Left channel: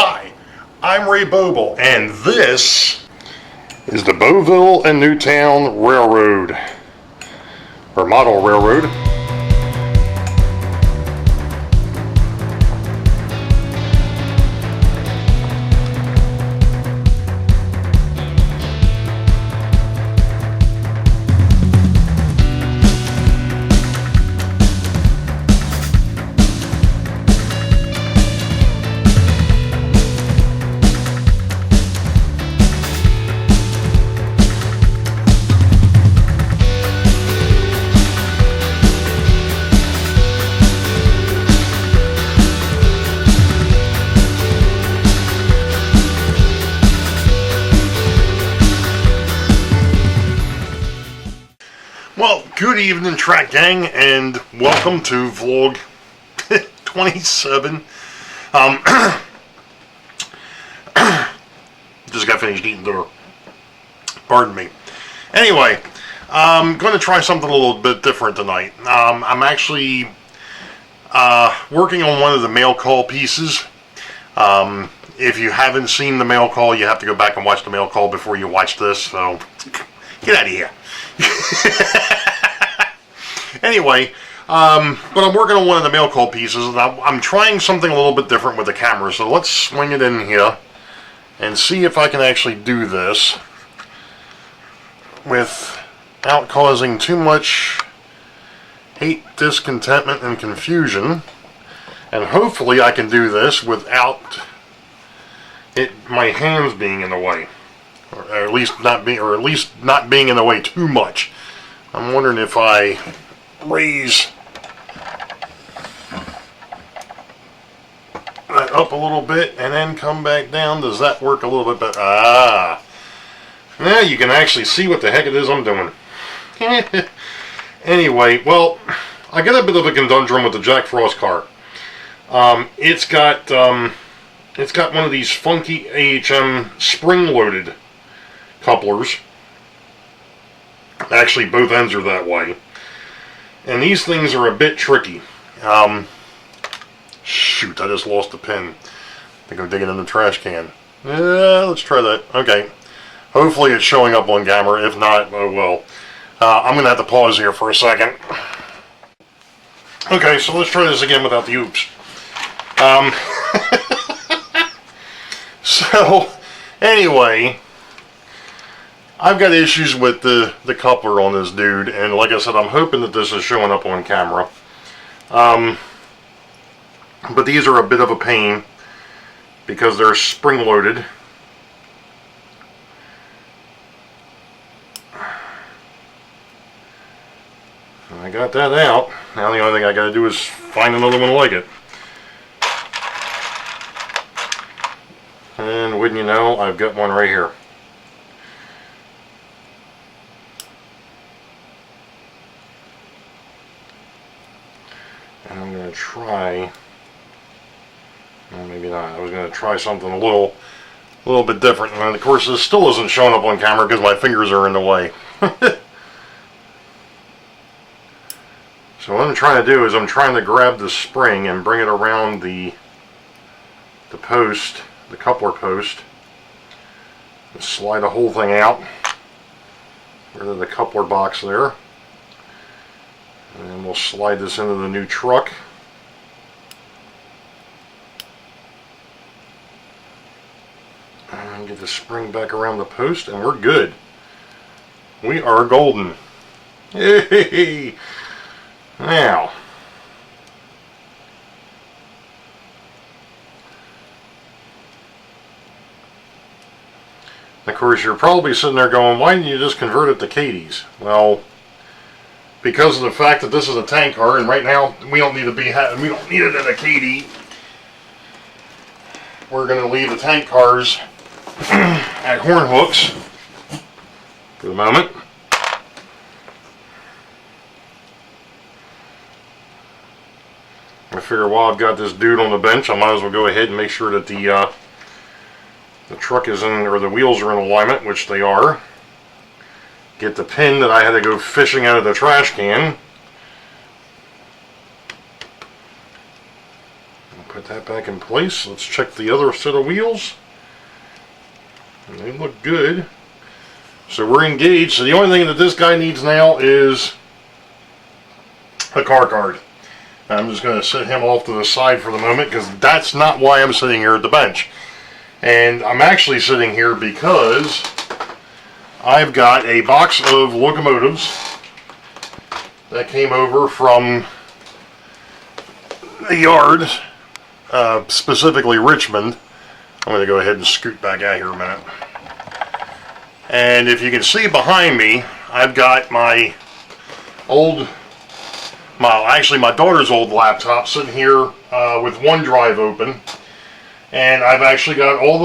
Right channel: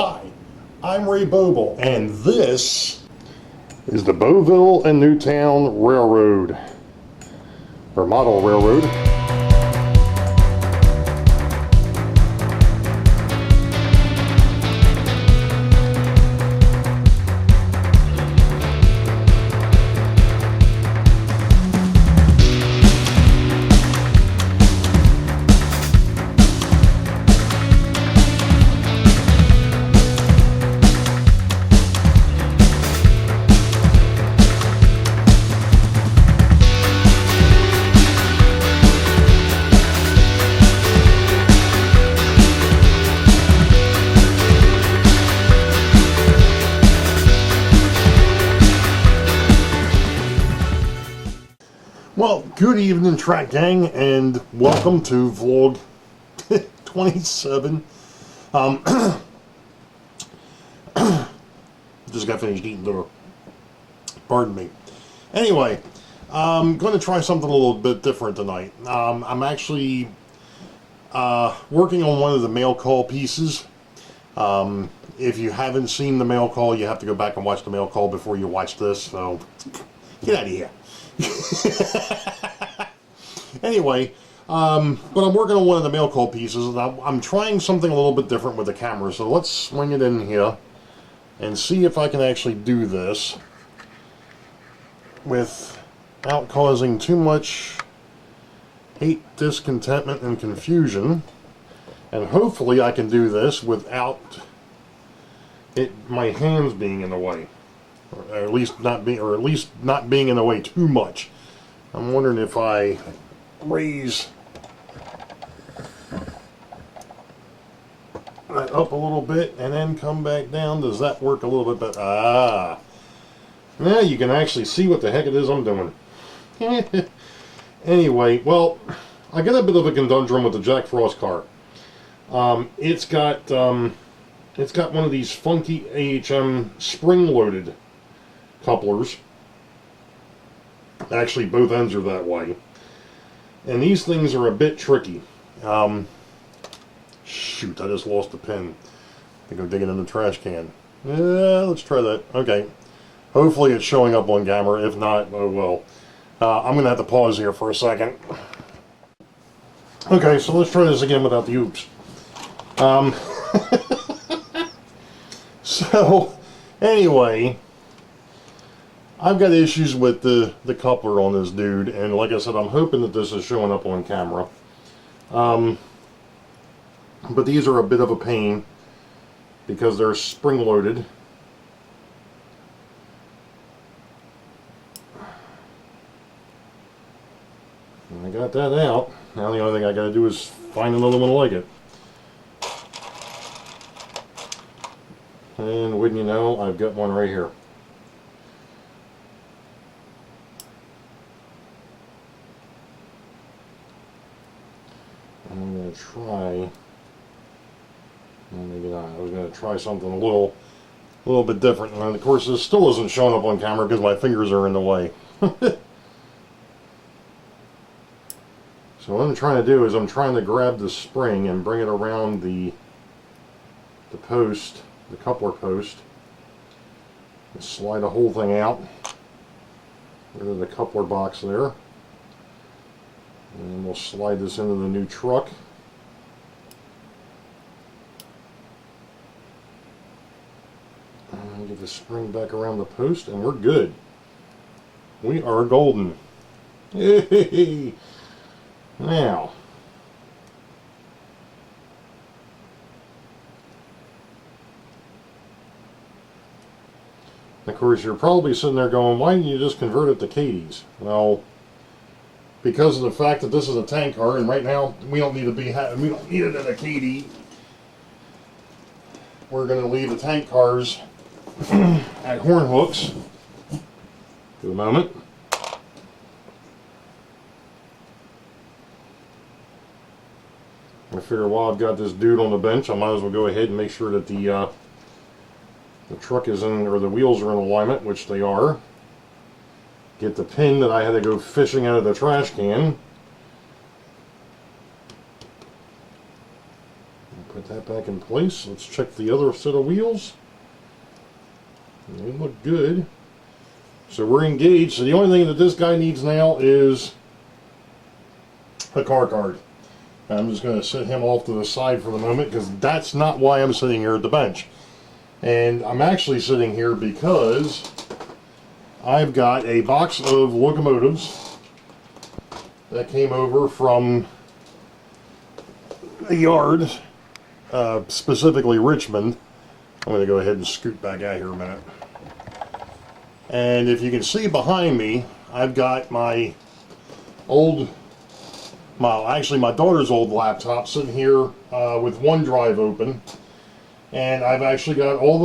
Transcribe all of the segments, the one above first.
Hi, I'm Ray Boeville, and this is the Boeville and Newtown Railroad, or model railroad. Well, good evening, track gang, and welcome to vlog 27. Just got finished eating dinner. Pardon me. Anyway, I'm going to try something a little bit different tonight. I'm actually working on one of the mail call pieces. If you haven't seen the mail call, you have to go back and watch the mail call before you watch this, so get out of here. Anyway, but I'm working on one of the mail call pieces, and I'm trying something a little bit different with the camera, so let's swing it in here and see if I can actually do this without causing too much hate, discontentment, and confusion. And hopefully I can do this without my hands being in the way. Or at least not being in the way too much. I'm wondering if I raise that up a little bit and then come back down. Does that work a little bit better? Ah. Now you can actually see what the heck it is I'm doing. Anyway, well, I got a bit of a conundrum with the Jack Frost car. It's got one of these funky AHM spring-loaded couplers. Actually, both ends are that way. And these things are a bit tricky. Shoot, I just lost the pin. I think I'm digging in the trash can. Let's try that. Okay. Hopefully it's showing up on camera. If not, oh well. I'm going to have to pause here for a second. Okay, so let's try this again without the oops. So, anyway, I've got issues with the coupler on this dude, and like I said, I'm hoping that this is showing up on camera. But these are a bit of a pain because they're spring-loaded. I got that out. Now the only thing I got to do is find another one like it. And wouldn't you know, I've got one right here. And I'm going to try, well, maybe not, I was going to try something a little bit different. And of course this still isn't showing up on camera because my fingers are in the way. So what I'm trying to do is I'm trying to grab the spring and bring it around the post, the coupler post, and slide the whole thing out, rid of the coupler box there, and then we'll slide this into the new truck. And get the spring back around the post, and we're good. We are golden. Hey! Now, of course, you're probably sitting there going, why didn't you just convert it to Katie's? Well, because of the fact that this is a tank car, and right now we don't need it at a Katie. We're going to leave the tank cars at horn hooks for the moment. I figure while I've got this dude on the bench, I might as well go ahead and make sure that the truck is in, or the wheels are in alignment, which they are. Get the pin that I had to go fishing out of the trash can. Put that back in place. Let's check the other set of wheels. And they look good. So we're engaged. So the only thing that this guy needs now is a car card. I'm just going to set him off to the side for the moment because that's not why I'm sitting here at the bench. And I'm actually sitting here because I've got a box of locomotives that came over from the yard, specifically Richmond. I'm going to go ahead and scoot back out here a minute. And if you can see behind me, I've got my daughter's old laptop sitting here with OneDrive open. And I've actually got all the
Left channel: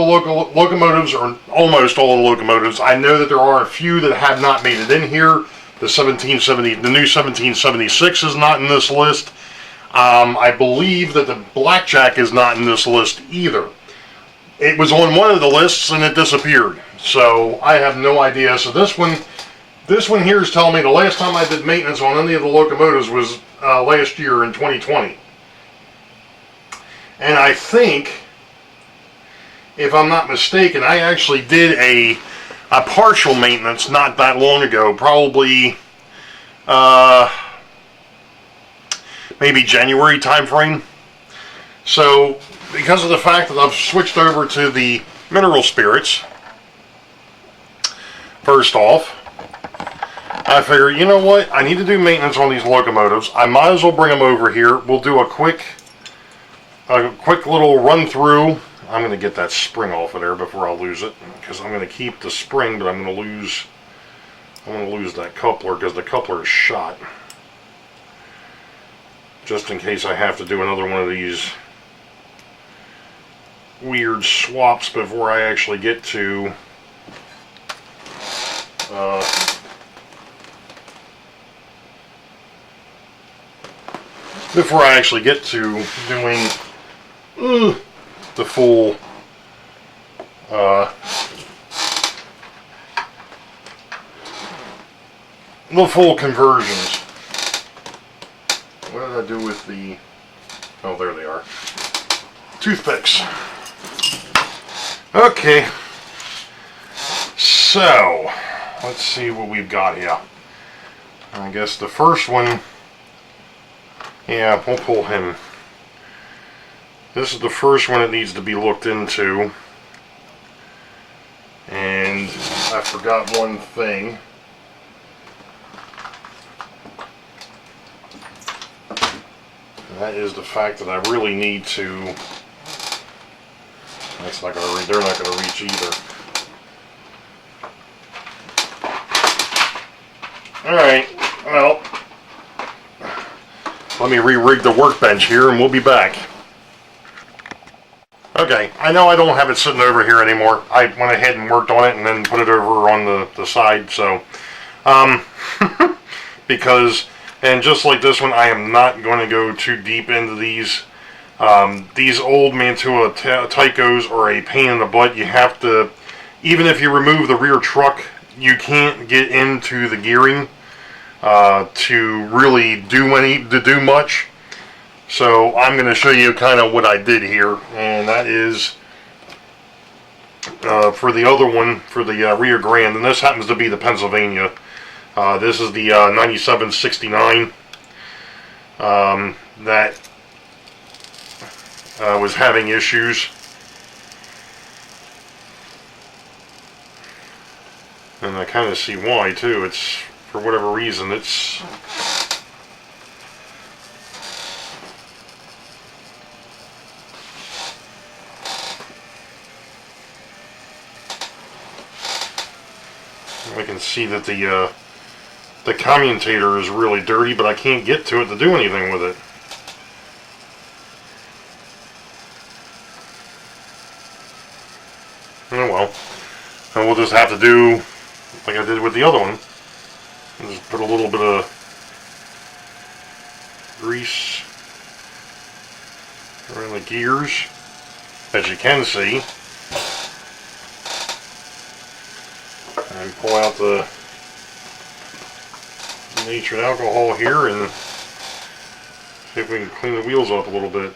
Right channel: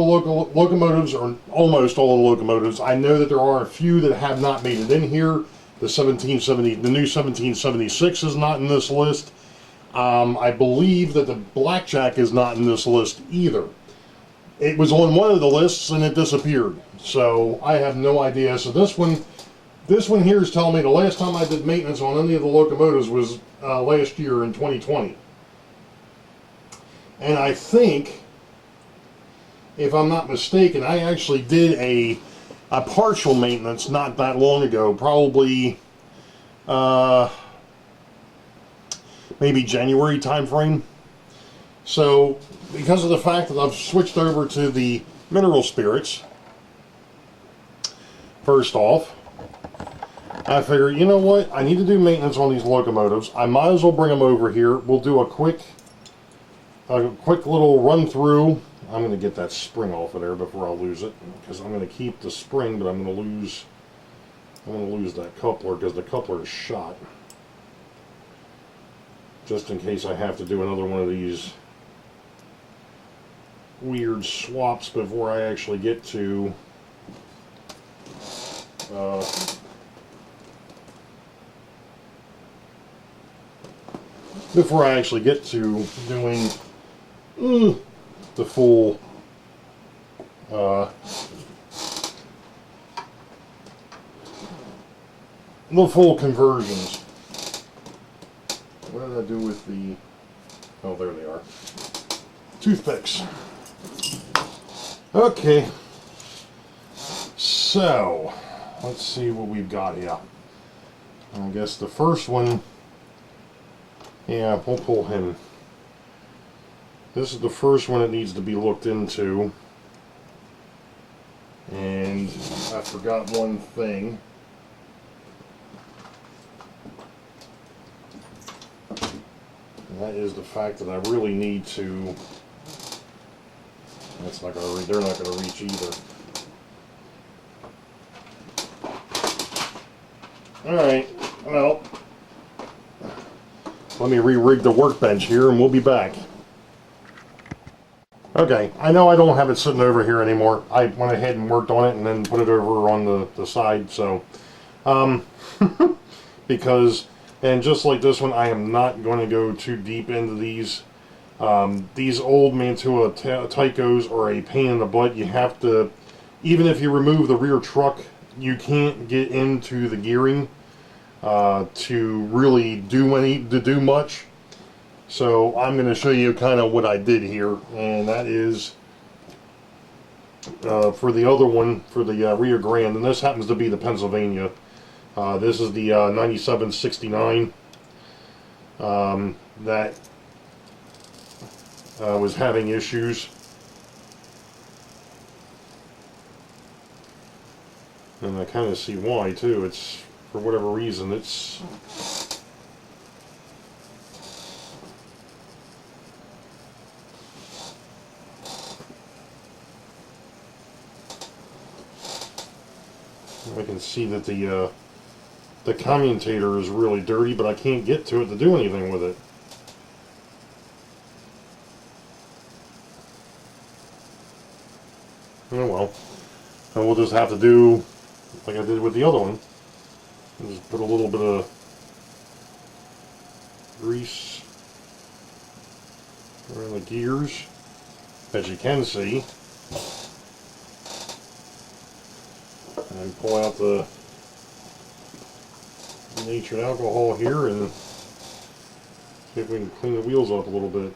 locomotives, or almost all the locomotives. I know that there are a few that have not made it in here. The new 1776 is not in this list. I believe that the Blackjack is not in this list either. It was on one of the lists and it disappeared. So I have no idea. So this one here is telling me the last time I did maintenance on any of the locomotives was last year in 2020. And I think, if I'm not mistaken, I actually did a partial maintenance not that long ago, probably maybe January time frame. So because of the fact that I've switched over to the mineral spirits, first off, I figured, you know what, I need to do maintenance on these locomotives. I might as well bring them over here. We'll do a quick little run through. I'm going to get that spring off of there before I lose it, because I'm going to keep the spring, but I'm going to lose that coupler because the coupler is shot. Just in case I have to do another one of these weird swaps before I actually get to doing the full conversions. What did I do with the... Oh, there they are. Toothpicks. Okay. So, let's see what we've got here. I guess the first one... Yeah, we'll pull him. This is the first one that needs to be looked into. And I forgot one thing. And that is the fact that I really need to... That's not going to reach. They're not going to reach either. Alright, well, let me re-rig the workbench here and we'll be back. Okay, I know I don't have it sitting over here anymore. I went ahead and worked on it and then put it over on the side, so because, and just like this one, I am not going to go too deep into these. These old Mantua Tycos are a pain in the butt. You have to, even if you remove the rear truck, you can't get into the gearing to really do much. So I'm going to show you kind of what I did here, and that is for the other one, for the Rio Grande, and this happens to be the Pennsylvania. This is the 9769 that was having issues. And I kind of see why too. It's, for whatever reason, it's... I can see that the commutator is really dirty, but I can't get to it to do anything with it. Oh well. And we'll just have to do like I did with the other one. Just put a little bit of grease around the gears, as you can see. And pull out the natured alcohol here and see if we can clean the wheels up a little bit.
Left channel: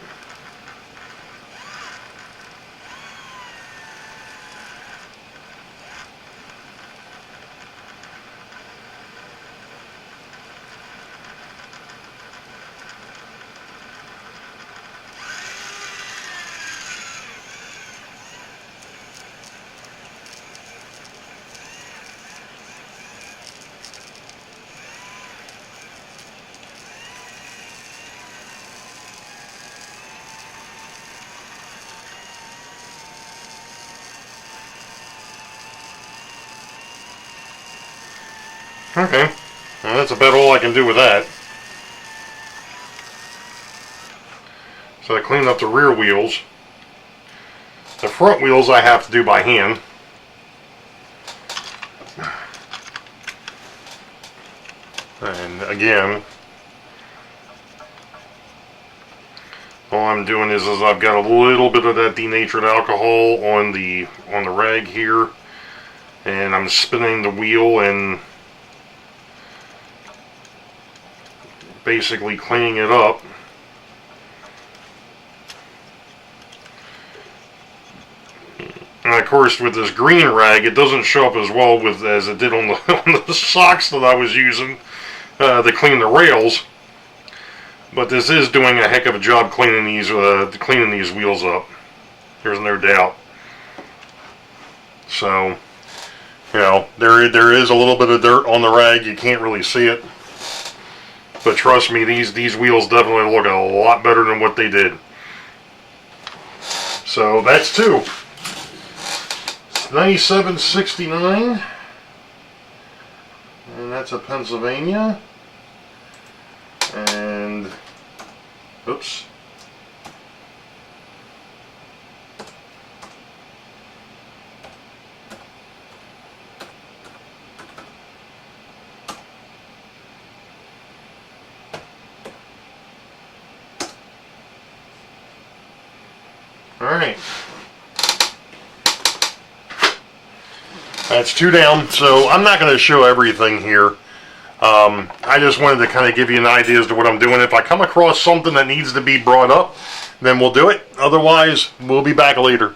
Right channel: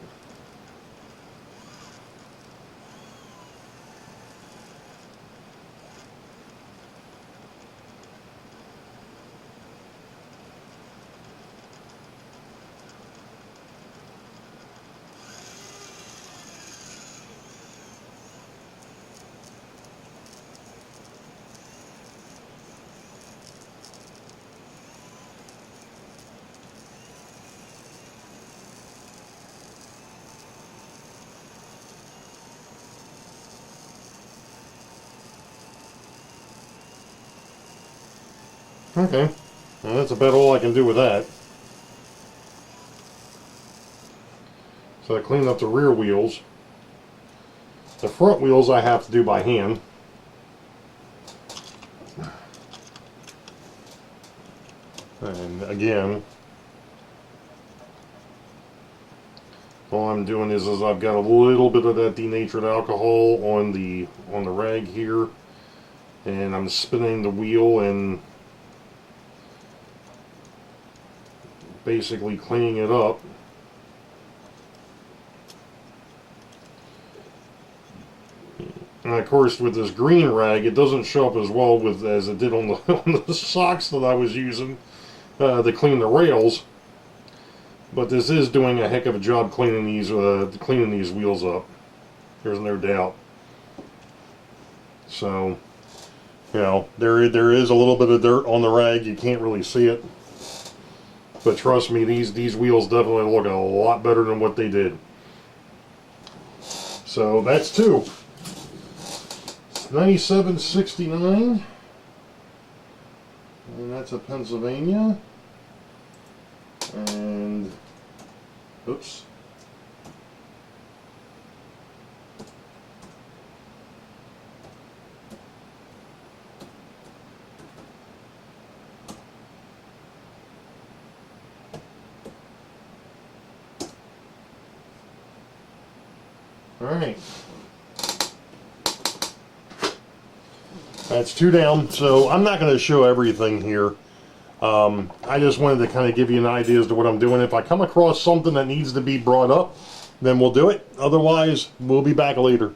Okay, well, that's about all I can do with that. So I cleaned up the rear wheels. The front wheels I have to do by hand. And again, all I'm doing is I've got a little bit of that denatured alcohol on the rag here, and I'm spinning the wheel and basically cleaning it up. And of course, with this green rag, it doesn't show up as well as it did on the on the socks that I was using to clean the rails. But this is doing a heck of a job cleaning these wheels up. There's no doubt. So, you know, there is a little bit of dirt on the rag. You can't really see it, but trust me, these wheels definitely look a lot better than what they did. So that's two. It's $97.69, and that's a Pennsylvania. And oops. All right. That's two down. So I'm not going to show everything here. I just wanted to kind of give you an idea as to what I'm doing. If I come across something that needs to be brought up, then we'll do it. Otherwise, we'll be back later.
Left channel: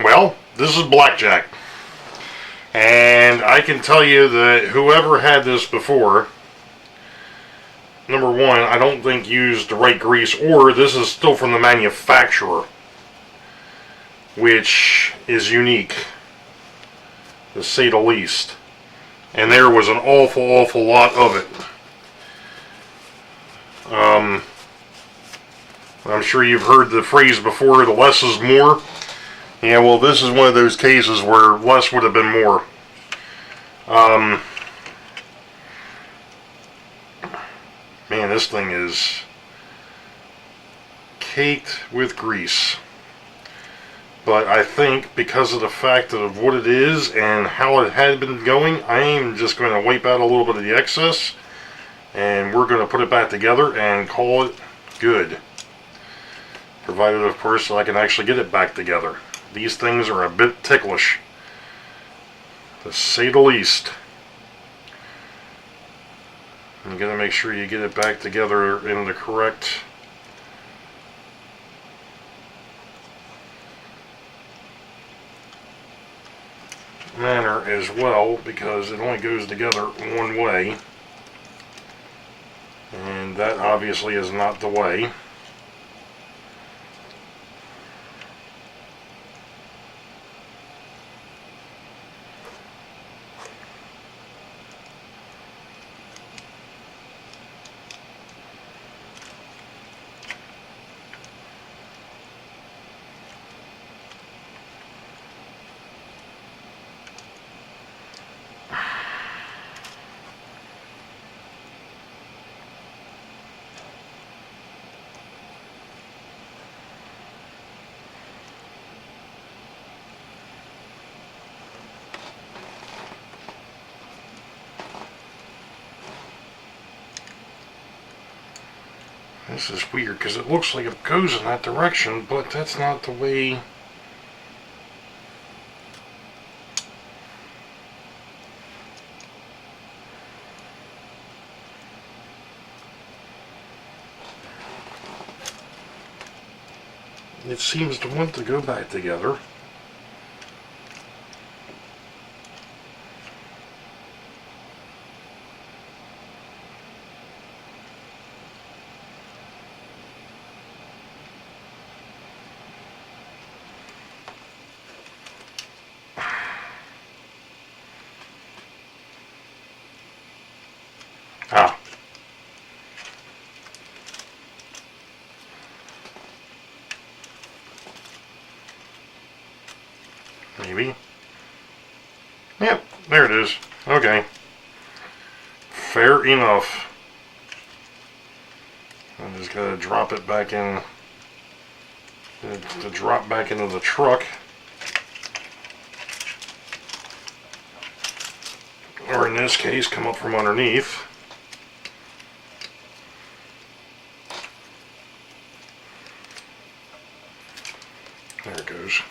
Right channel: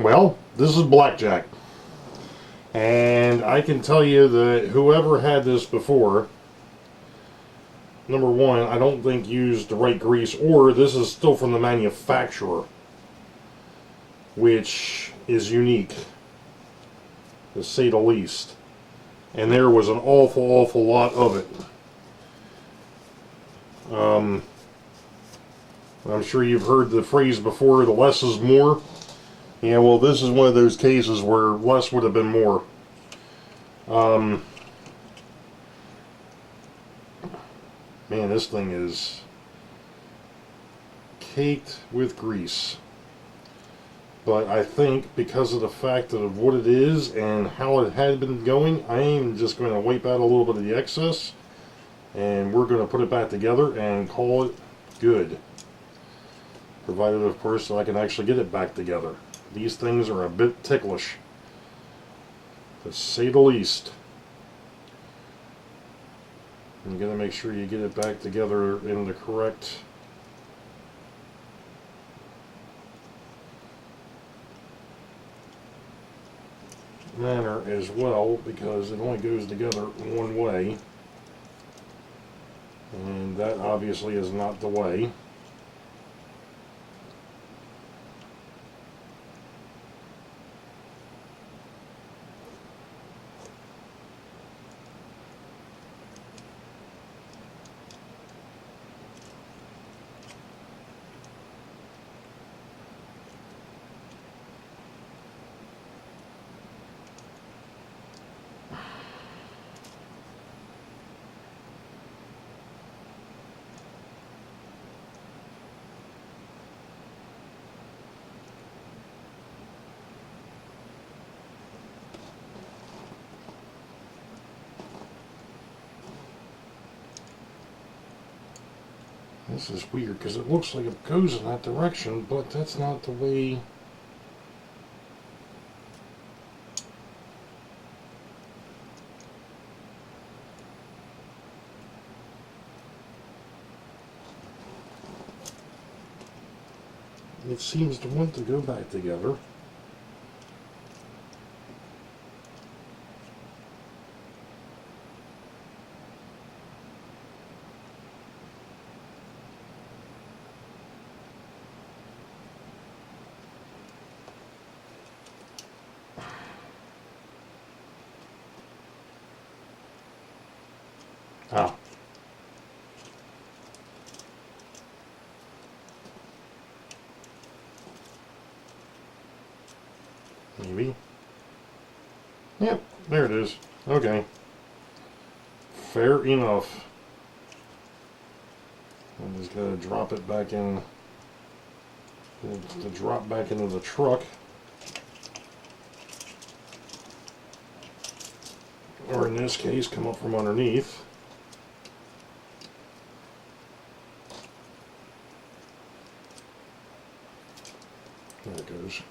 Well, this is blackjack. And I can tell you that whoever had this before, number one, I don't think used the right grease, or this is still from the manufacturer, which is unique, to say the least. And there was an awful lot of it. I'm sure you've heard the phrase before, the less is more. Yeah, well, this is one of those cases where less would have been more. Man, this thing is caked with grease. But I think because of the fact of what it is and how it had been going, I am just going to wipe out a little bit of the excess, and we're going to put it back together and call it good. Provided, of course, that I can actually get it back together. These things are a bit ticklish, to say the least. You got to make sure you get it back together in the correct manner as well, because it only goes together one way, and that obviously is not the way. This is weird because it looks like it goes in that direction, but that's not the way. It seems to want to go back together. Ah. maybe. Yep, there it is. Okay. Fair enough. I'm just gonna drop it back in, to drop back into the truck. Or in this case, come up from underneath. There it goes.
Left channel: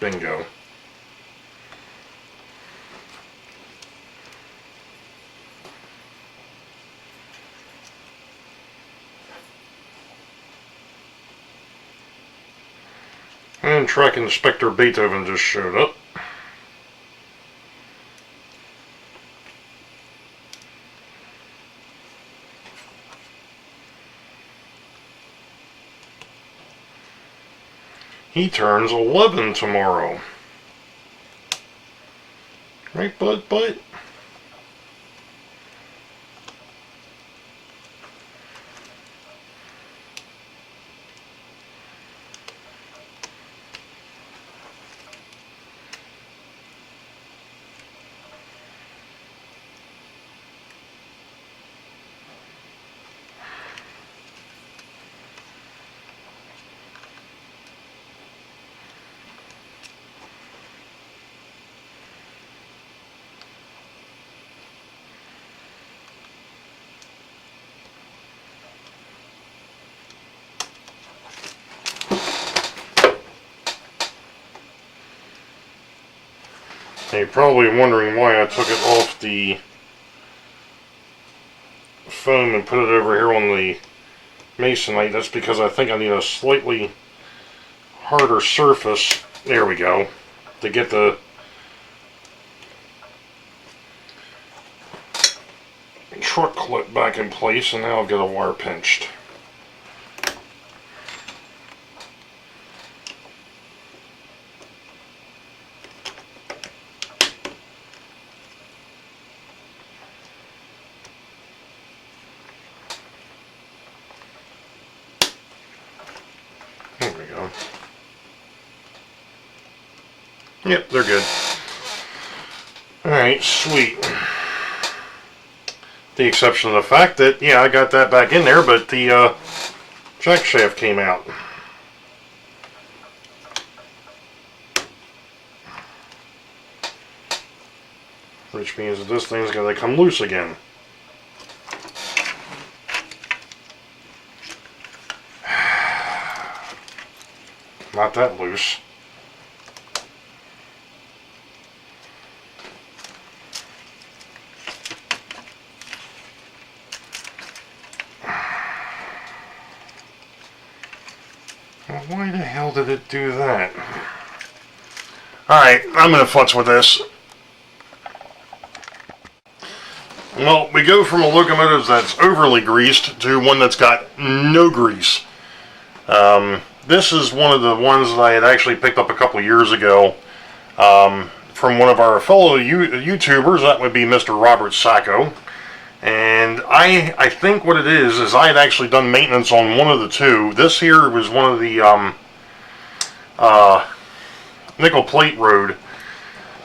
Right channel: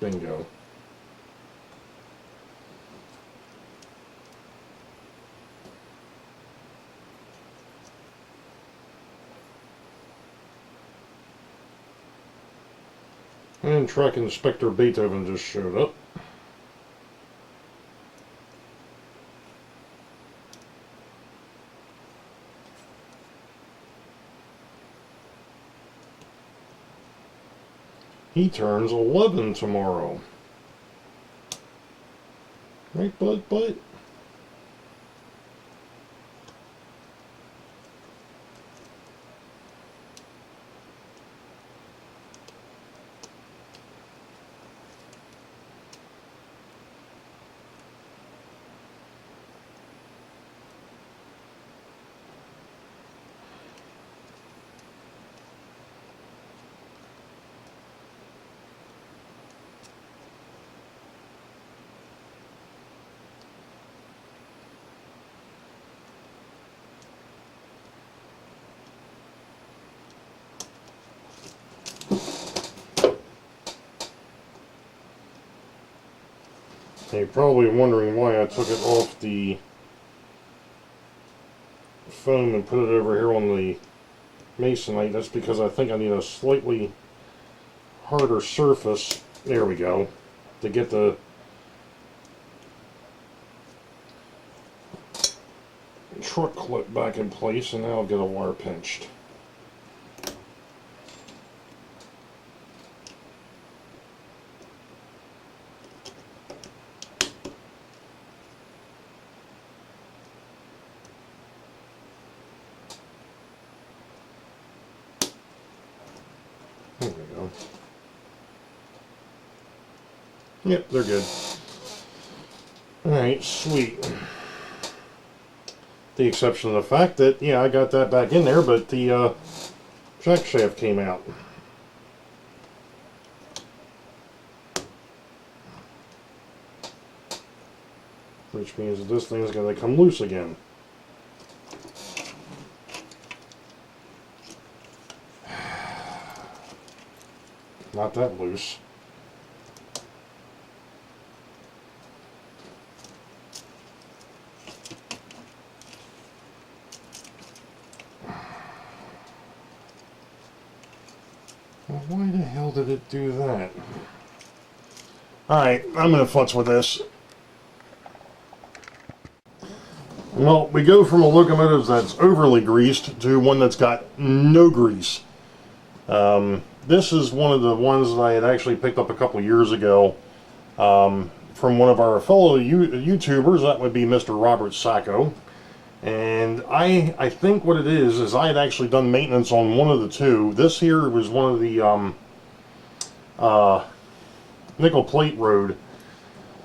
Bingo. And Track Inspector Beethoven just showed up. He turns 11 tomorrow. Right, bud? You're probably wondering why I took it off the foam and put it over here on the masonite. That's because I think I need a slightly harder surface, there we go, to get the truck clip back in place, and now I've got a wire pinched. There we go. Yep, they're good. Alright, sweet. The exception of the fact that, yeah, I got that back in there, but the jack shaft came out. Which means that this thing's going to come loose again. Not that loose. Well, why the hell did it do that? Alright, I'm going to futz with this. Well, we go from a locomotive that's overly greased to one that's got no grease. This is one of the ones that I had actually picked up a couple years ago from one of our fellow YouTubers. That would be Mr. Robert Sacco. And I think what it is I had actually done maintenance on one of the two. This here was one of the nickel plate road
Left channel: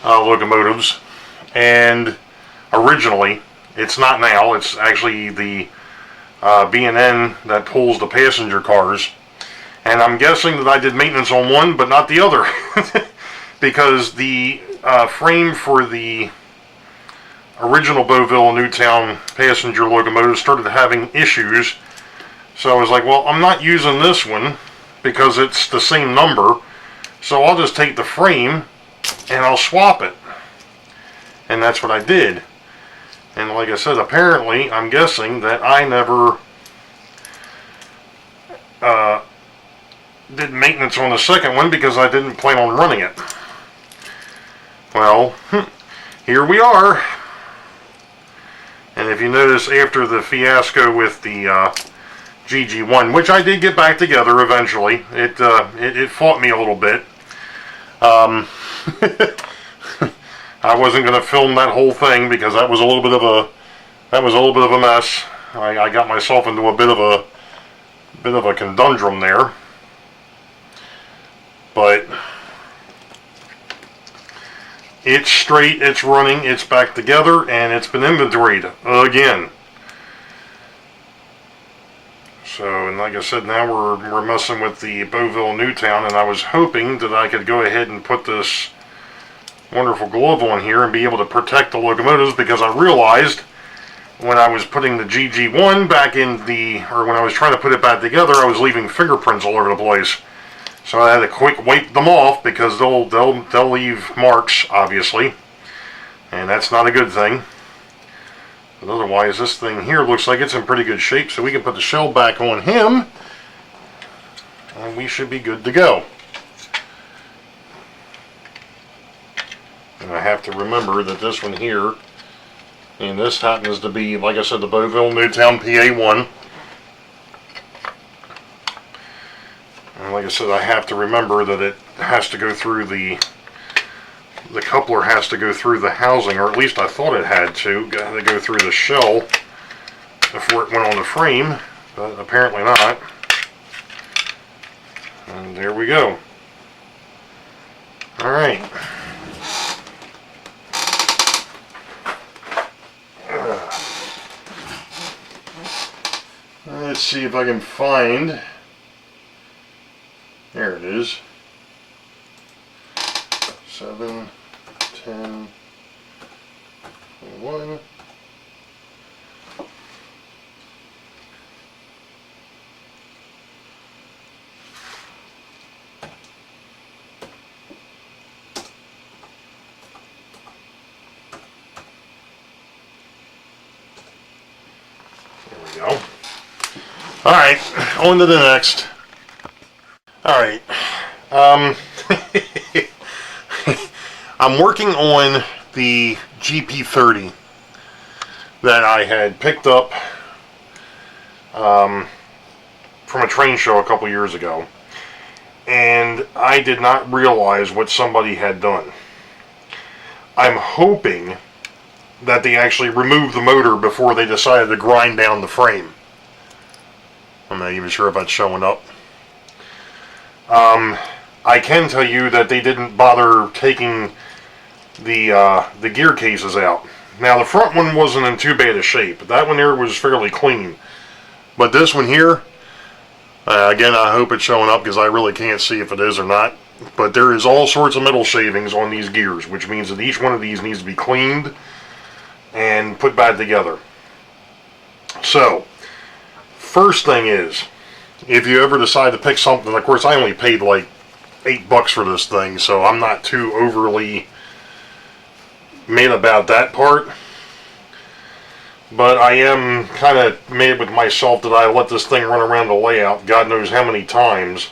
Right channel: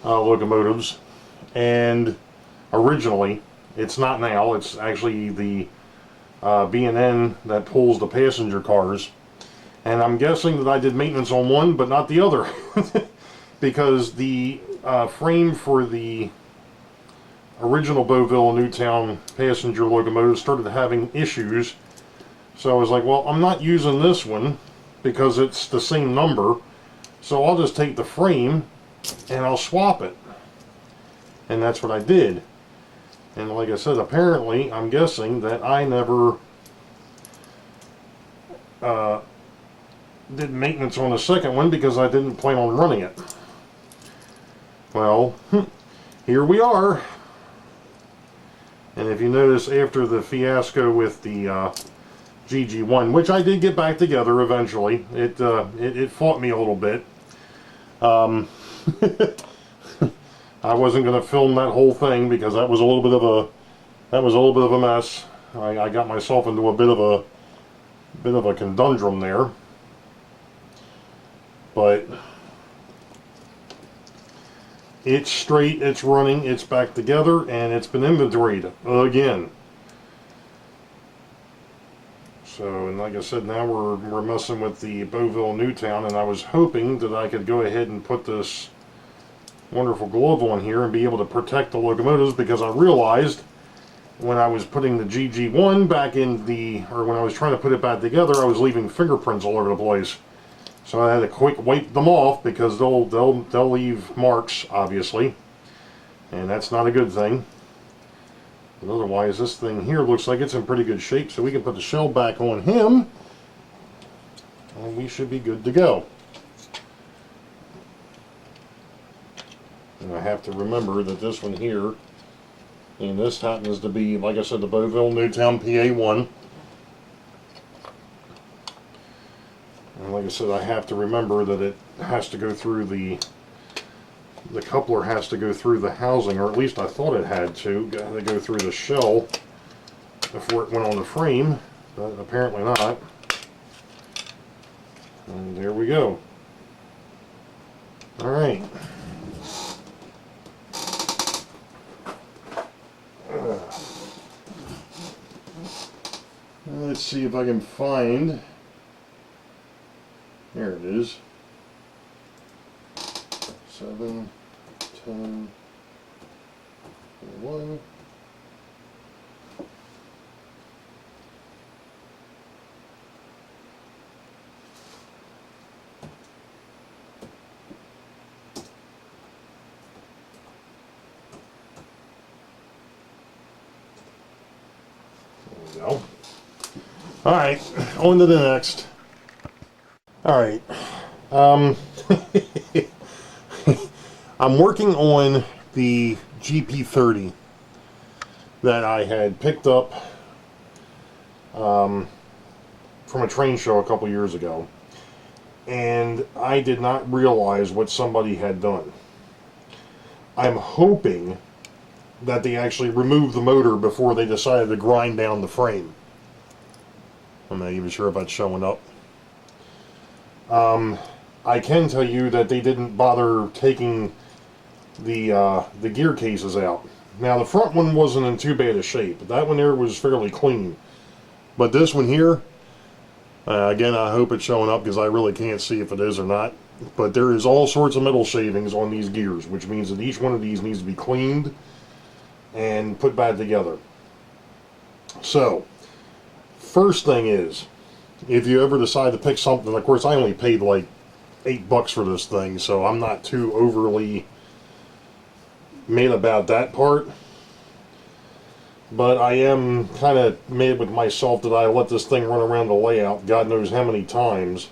locomotives. And originally, it's not now, it's actually the B&N that pulls the passenger cars. And I'm guessing that I did maintenance on one, but not the other. Because the frame for the original Boeville and Newtown passenger locomotive started having issues. So I was like, well, I'm not using this one because it's the same number. So I'll just take the frame and I'll swap it. And that's what I did. And like I said, apparently, I'm guessing that I never did maintenance on the second one because I didn't plan on running it. Well, here we are. And if you notice, after the fiasco with the GG1, which I did get back together eventually, it fought me a little bit. I wasn't going to film that whole thing because that was a little bit of that was a little bit of a mess. I got myself into a bit of a conundrum there. But it's straight, it's running, it's back together, and it's been inventoried again. So, and like I said, now we're messing with the Boeville Newtown, and I was hoping that I could go ahead and put this wonderful glove on here and be able to protect the locomotives, because I realized when I was putting the GG1 back in or when I was trying to put it back together, I was leaving fingerprints all over the place. So I had to quick wipe them off, because they'll leave marks, obviously, and that's not a good thing. But otherwise, this thing here looks like it's in pretty good shape, so we can put the shell back on him, and we should be good to go. And I have to remember that this one here, and this happens to be, like I said, the Boeville Newtown PA1. And like I said, I have to remember that it has to go through the coupler has to go through the housing, or at least I thought it had to go through the shell before it went on the frame, but apparently not. And there we go. Alright. Let's see if I can find... There it is. 7, 10, 21. There we go. Alright, on to the next. Alright. I'm working on the GP30 that I had picked up from a train show a couple years ago, and I did not realize what somebody had done. I'm hoping that they actually removed the motor before they decided to grind down the frame. I'm not even sure if that's showing up. I can tell you that they didn't bother taking the gear cases out. Now, the front one wasn't in too bad a shape. That one there was fairly clean. But this one here, again, I hope it's showing up, because I really can't see if it is or not. But there is all sorts of metal shavings on these gears, which means that each one of these needs to be cleaned and put back together. So, first thing is, if you ever decide to pick something, of course I only paid like $8 for this thing, so I'm not too overly mad about that part. But I am kind of mad with myself that I let this thing run around the layout God knows how many times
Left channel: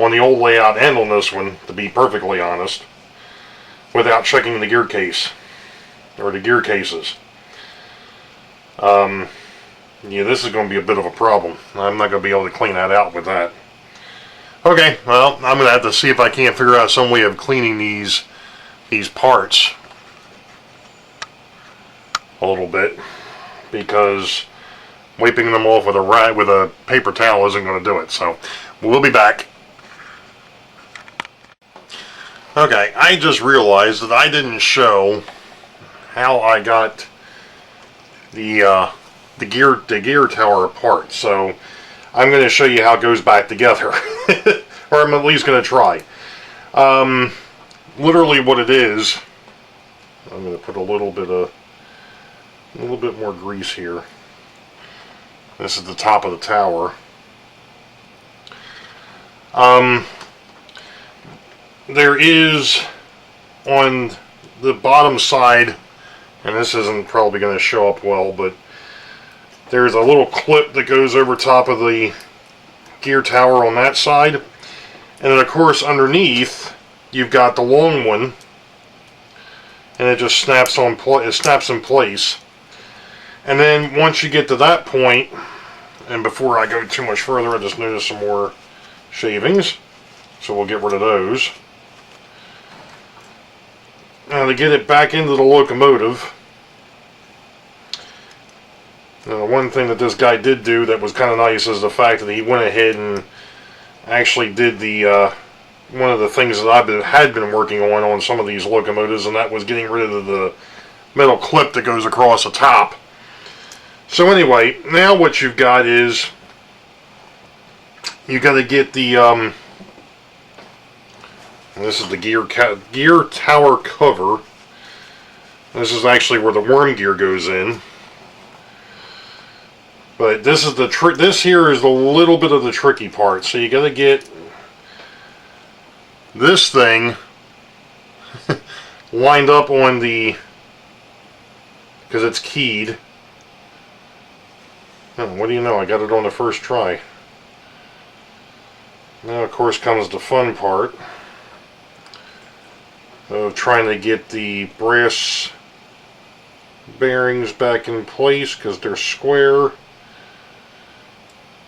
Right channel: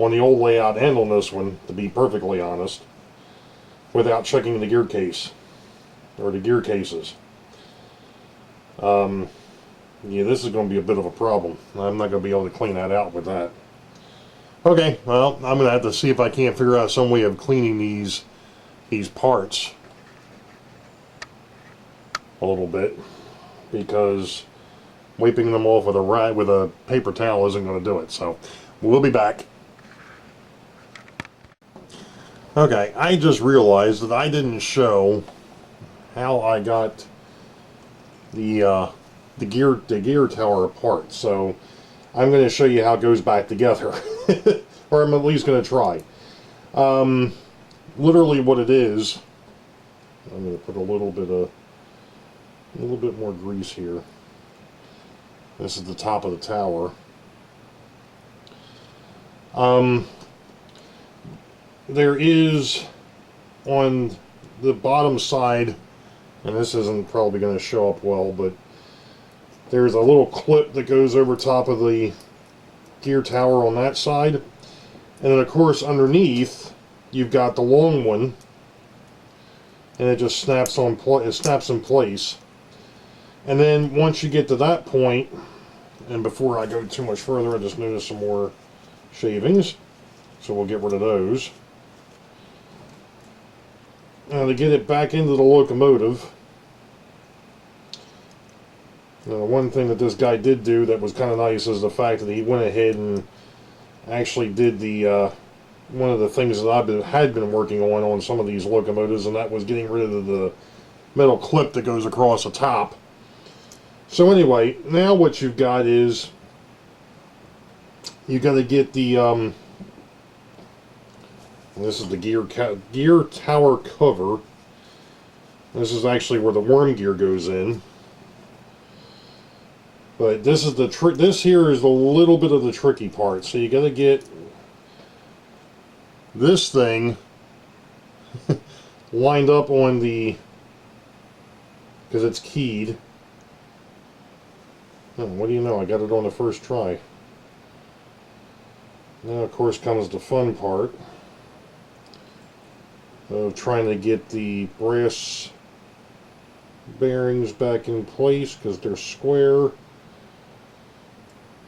on the old layout and on this one, to be perfectly honest, without checking the gear case, or the gear cases. Yeah, this is going to be a bit of a problem. I'm not going to be able to clean that out with that. Okay, well, I'm going to have to see if I can't figure out some way of cleaning these parts a little bit, because wiping them off with a paper towel isn't going to do it. So we'll be back. Okay, I just realized that I didn't show how I got the gear tower apart, so I'm going to show you how it goes back together, or I'm at least going to try. Literally, what it is, I'm going to put a little bit more grease here. This is the top of the tower. There is on the bottom side, and this isn't probably going to show up well, but there's a little clip that goes over top of the gear tower on that side. And then, of course, underneath, you've got the long one, and it just snaps in place. And then once you get to that point, and before I go too much further, I just noticed some more shavings, so we'll get rid of those. Now, to get it back into the locomotive, One thing that this guy did do that was kind of nice is the fact that he went ahead and actually did the one of the things that had been working on some of these locomotives, and that was getting rid of the metal clip that goes across the top. So anyway, now what you've got is you got to get the this is the gear tower cover. This is actually where the worm gear goes in. But this is the this here is a little bit of the tricky part. So you got to get this thing lined up on the, because it's keyed. Oh, what do you know? I got it on the first try. Now, of course, comes the fun part of trying to get the brass bearings back in place because they're square.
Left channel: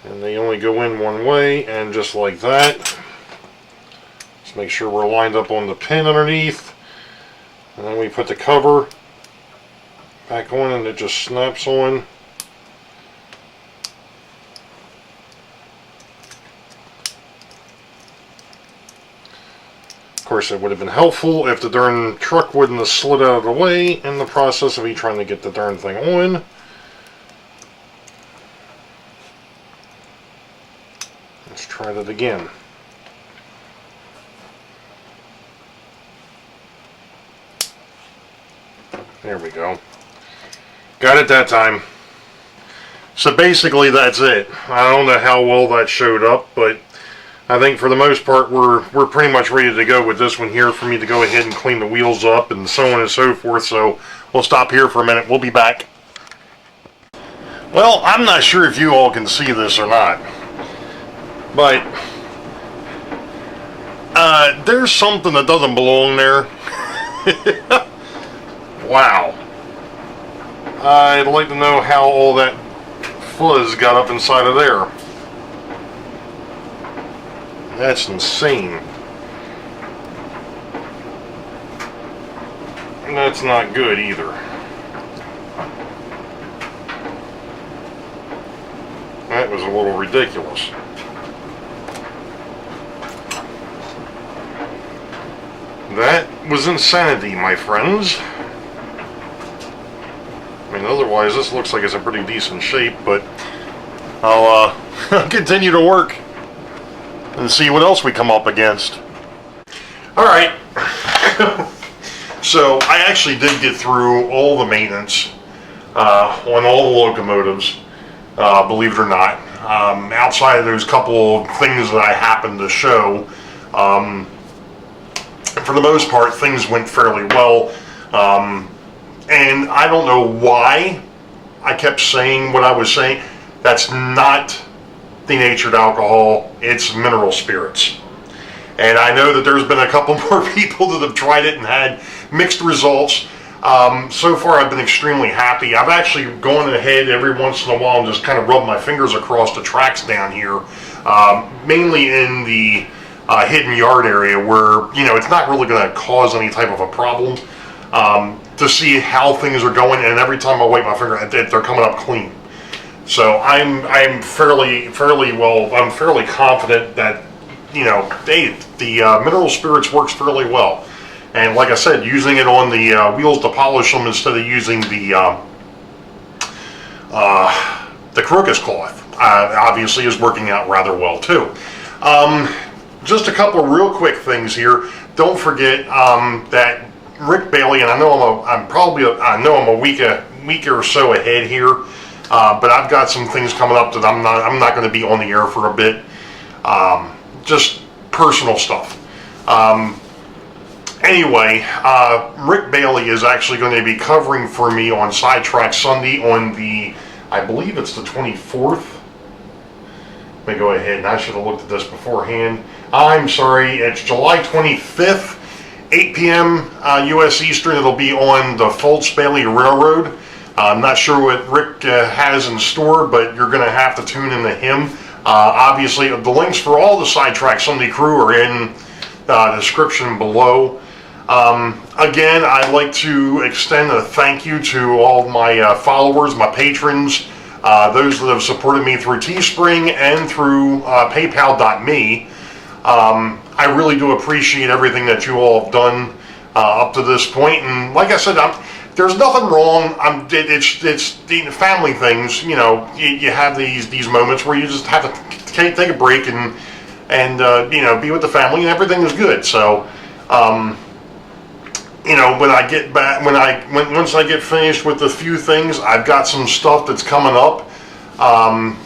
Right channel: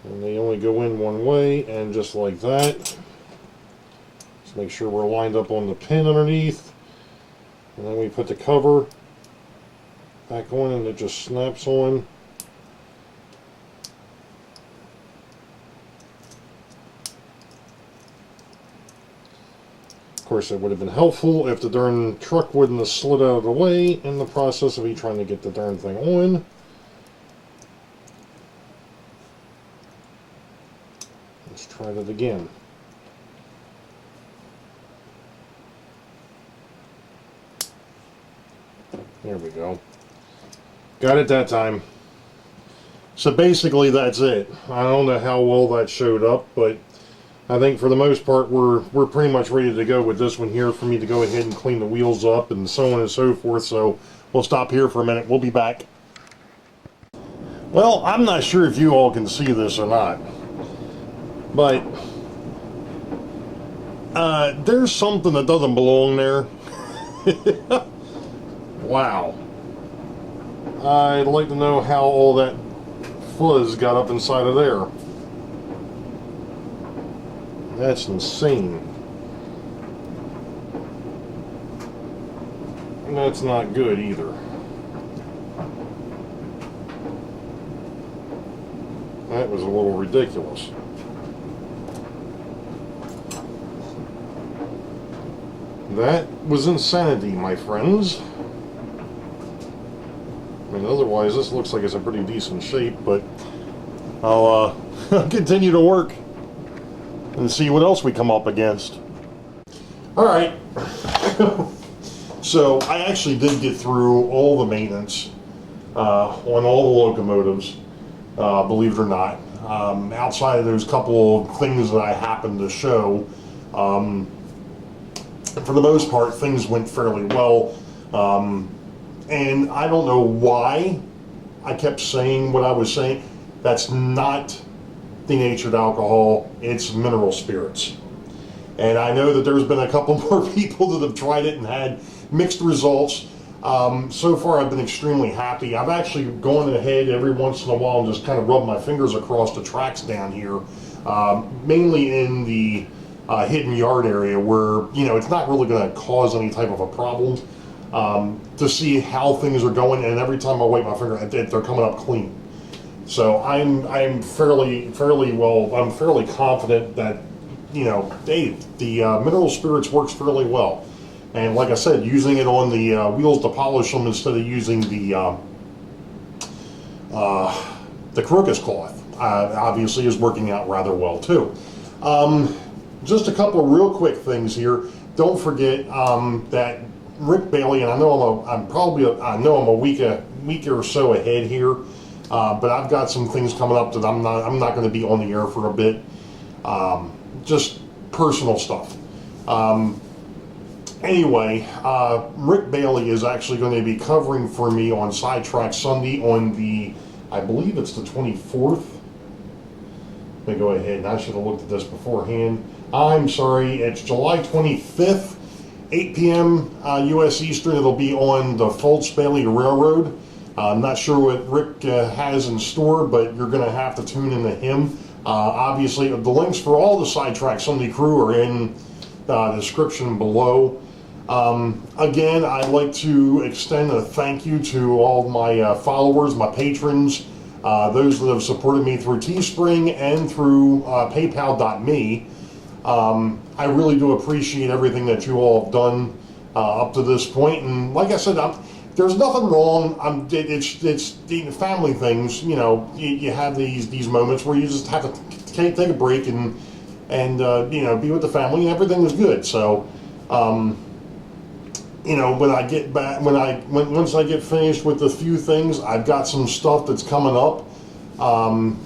And they only go in one way, and just like that. Let's make sure we're lined up on the pin underneath. And then we put the cover back on and it just snaps on. Of course, it would have been helpful if the darn truck wouldn't have slid out of the way in the process of me trying to get the darn thing on. Let's try that again. There we go. Got it that time. So basically that's it. I don't know how well that showed up, but I think for the most part we're pretty much ready to go with this one here for me to go ahead and clean the wheels up and so on and so forth. So we'll stop here for a minute. We'll be back. Well, I'm not sure if you all can see this or not, but there's something that doesn't belong there. Wow. I'd like to know how all that fuzz got up inside of there. That's insane. And that's not good either. That was a little ridiculous. That was insanity, my friends. I mean, otherwise this looks like it's in pretty decent shape, but I'll continue to work and see what else we come up against. Alright, so I actually did get through all the maintenance on all the locomotives, believe it or not. Outside of those couple of things that I happened to show, for the most part things went fairly well. And I don't know why I kept saying what I was saying. That's not denatured alcohol, it's mineral spirits. And I know that there's been a couple more people that have tried it and had mixed results. So far I've been extremely happy. I've actually gone ahead every once in a while and just kind of rubbed my fingers across the tracks down here, mainly in the hidden yard area where, you know, it's not really going to cause any type of a problem, to see how things are going, and every time I wipe my finger, they're coming up clean. So I'm fairly confident that, you know, the mineral spirits works fairly well. And like I said, using it on the wheels to polish them instead of using the crocus cloth obviously is working out rather well too. Just a couple of real quick things here. Don't forget that Rick Bailey, and I know I'm a week or so ahead here, but I've got some things coming up that I'm not going to be on the air for a bit. Just personal stuff. Anyway, Rick Bailey is actually going to be covering for me on Sidetrack Sunday on the, I believe it's the 24th. Let me go ahead, and I should have looked at this beforehand. I'm sorry, it's July 25th. 8 p.m. U.S. Eastern. It'll be on the Bailey Railroad. I'm not sure what Rick has in store, but you're going to have to tune into him. Obviously, the links for all the Sidetrack Sunday crew are in the description below. Again, I'd like to extend a thank you to all my followers, my patrons, Those that have supported me through Teespring and through PayPal.me, I really do appreciate everything that you all have done up to this point. And like I said, there's nothing wrong. It's the family things. You know, you have these moments where you just have to take a break and you know, be with the family, and everything is good. So, you know, when I get back, once I get finished with a few things, I've got some stuff that's coming up.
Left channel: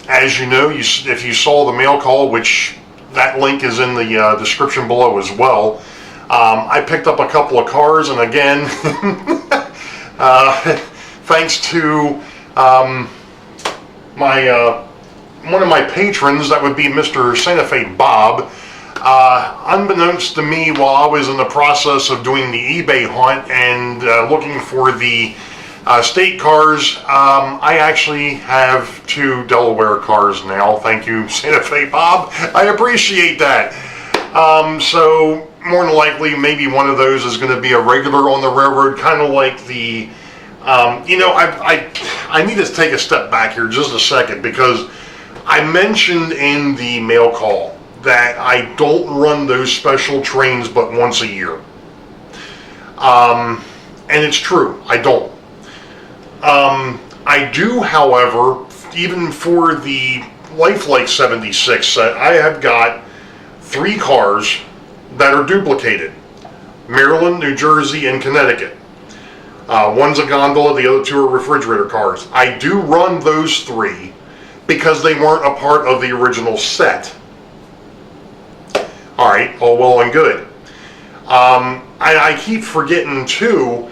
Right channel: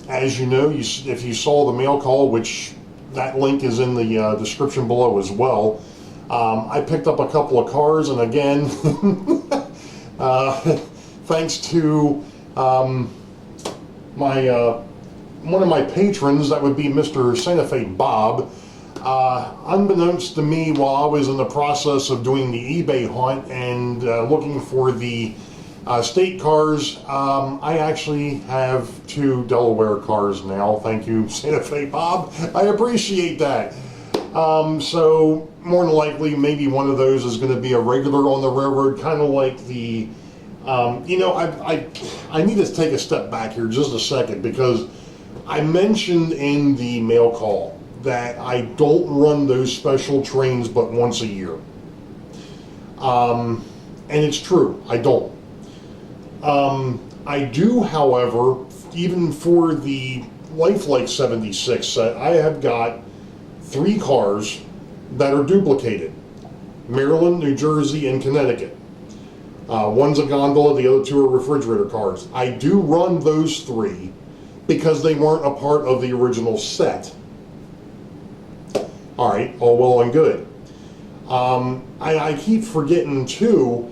As you know, if you saw the mail call, which that link is in the description below as well. I picked up a couple of cars, and again, thanks to one of my patrons, that would be Mr. Santa Fe Bob. Unbeknownst to me, while I was in the process of doing the eBay hunt and looking for the state cars, I actually have 2 Delaware cars now. Thank you, Santa Fe Bob. I appreciate that. So more than likely, maybe one of those is going to be a regular on the railroad, kind of like the, you know, I need to take a step back here just a second, because I mentioned in the mail call that I don't run those special trains but once a year. And it's true, I don't. I do, however, even for the Lifelike 76 set, I have got 3 cars that are duplicated. Maryland, New Jersey, and Connecticut. One's a gondola, the other 2 are refrigerator cars. I do run those 3 because they weren't a part of the original set. Alright, all well and good. I keep forgetting too,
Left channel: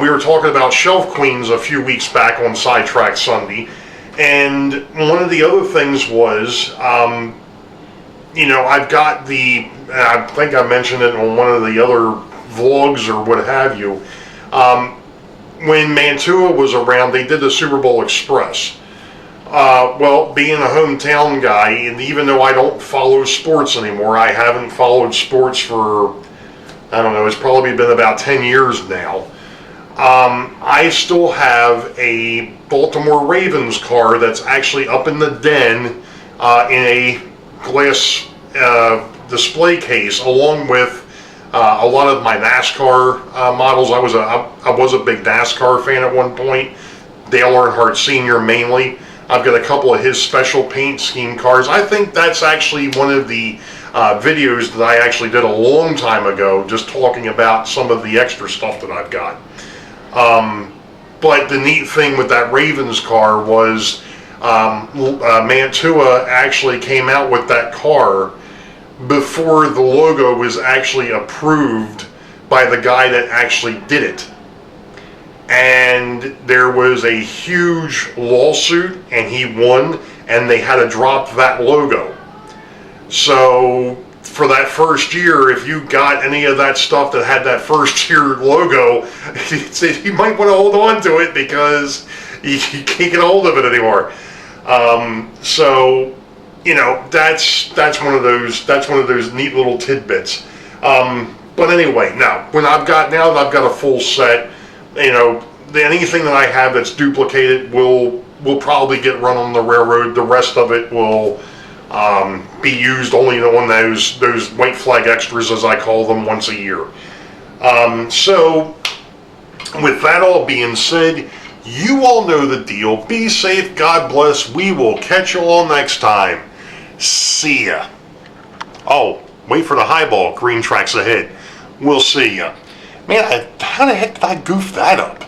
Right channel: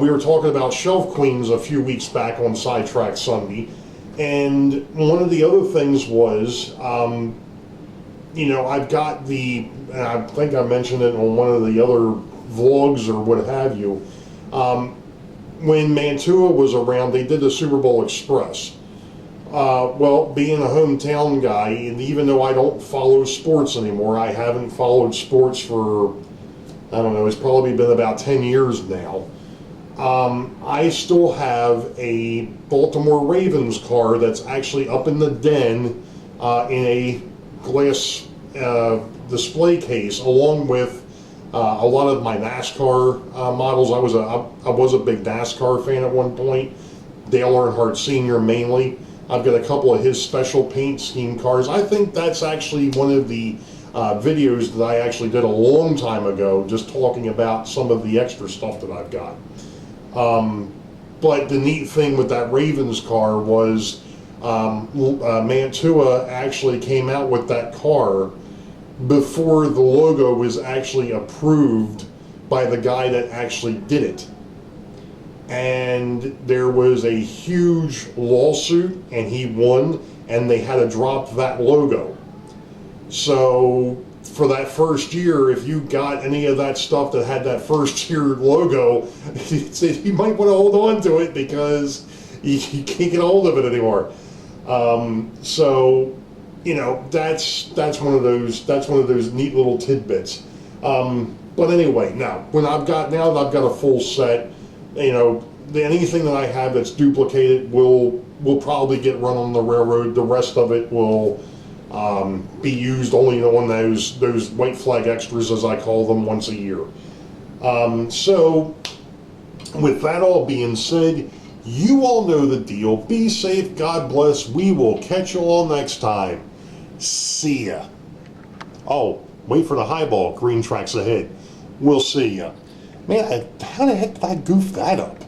we were talking about Shelf Queens a few weeks back on Sidetrack Sunday, and one of the other things was, you know, I've got I think I mentioned it on one of the other vlogs or what have you, when Mantua was around, they did the Super Bowl Express. Well, being a hometown guy, and even though I don't follow sports anymore, I haven't followed sports for, I don't know, it's probably been about 10 years now. I still have a Baltimore Ravens car that's actually up in the den in a glass display case, along with a lot of my NASCAR models. I was a big NASCAR fan at one point, Dale Earnhardt Sr. mainly. I've got a couple of his special paint scheme cars. I think that's actually one of the videos that I actually did a long time ago, just talking about some of the extra stuff that I've got. But the neat thing with that Ravens car was Mantua actually came out with that car before the logo was actually approved by the guy that actually did it. And there was a huge lawsuit, and he won, and they had to drop that logo. So for that first year, if you got any of that stuff that had that first year logo, you might want to hold on to it, because you can't get a hold of it anymore. So, you know, that's one of those neat little tidbits. But anyway, now that I've got a full set, you know, anything that I have that's duplicated will probably get run on the railroad. The rest of it will be used only on those white flag extras, as I call them, once a year. So with that all being said, you all know the deal. Be safe, God bless. We will catch you all next time. See ya. Oh, wait for the highball. Green tracks ahead. We'll see ya. Man, how the heck did I goof that up?